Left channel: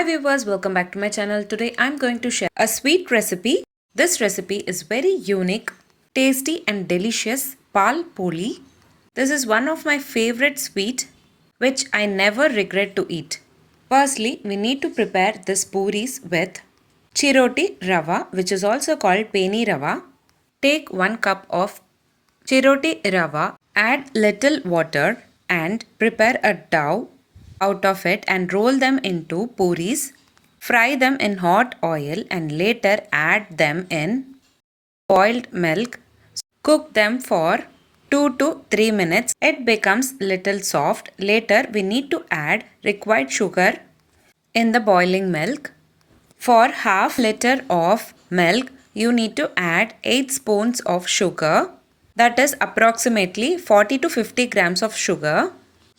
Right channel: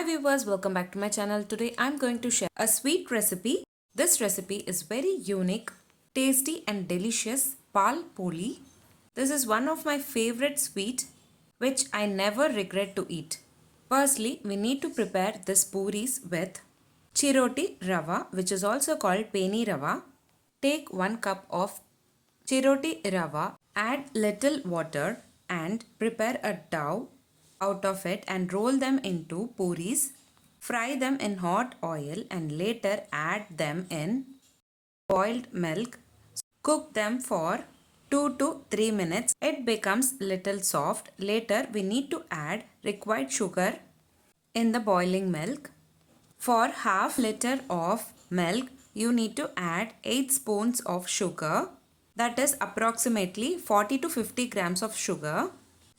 Hi viewers, welcome back to my channel. Today I'm going to share a sweet recipe. This recipe is very unique, tasty and delicious Paal Poli. This is one of my favorite sweet which I never regret to eat. Firstly, we need to prepare this puris with chiroti rava, which is also called peni rava. Take 1 cup of chiroti rava, add little water and prepare a dough out of it and roll them into puris. Fry them in hot oil and later add them in boiled milk. Cook them for 2 to 3 minutes. It becomes little soft. Later we need to add required sugar in the boiling milk. For half liter of milk, you need to add 8 spoons of sugar. That is approximately 40 to 50 grams of sugar.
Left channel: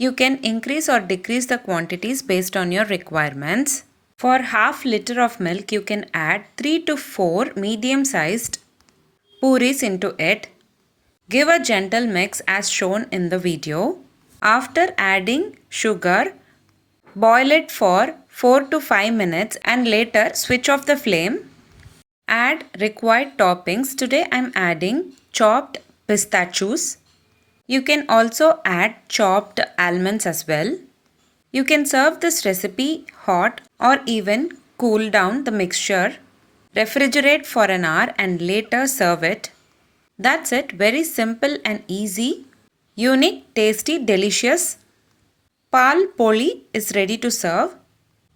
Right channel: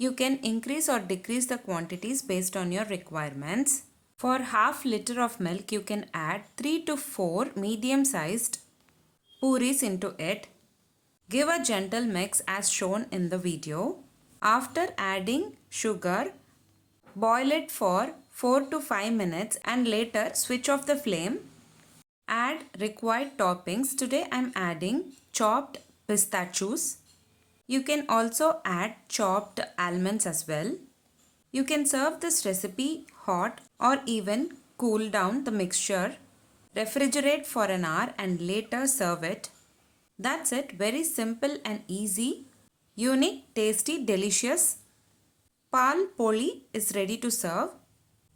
You can increase or decrease the quantities based on your requirements. For half liter of milk, you can add 3 to 4 medium-sized puris into it. Give a gentle mix as shown in the video. After adding sugar, boil it for 4 to 5 minutes and later switch off the flame. Add required toppings. Today I am adding chopped pistachios. You can also add chopped almonds as well. You can serve this recipe hot or even cool down the mixture. Refrigerate for an hour and later serve it. That's it. Very simple and easy. Unique, tasty, delicious Paal Poli is ready to serve.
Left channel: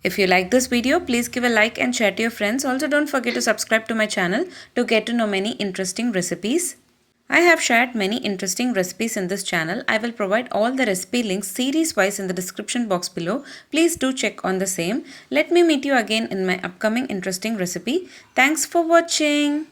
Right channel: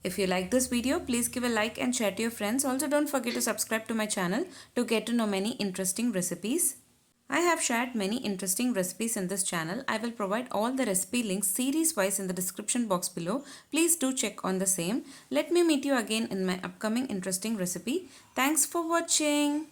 If you like this video, please give a like and share to your friends. Also, don't forget to subscribe to my channel to get to know many interesting recipes. I have shared many interesting recipes in this channel. I will provide all the recipe links series wise in the description box below. Please do check on the same. Let me meet you again in my upcoming interesting recipe. Thanks for watching.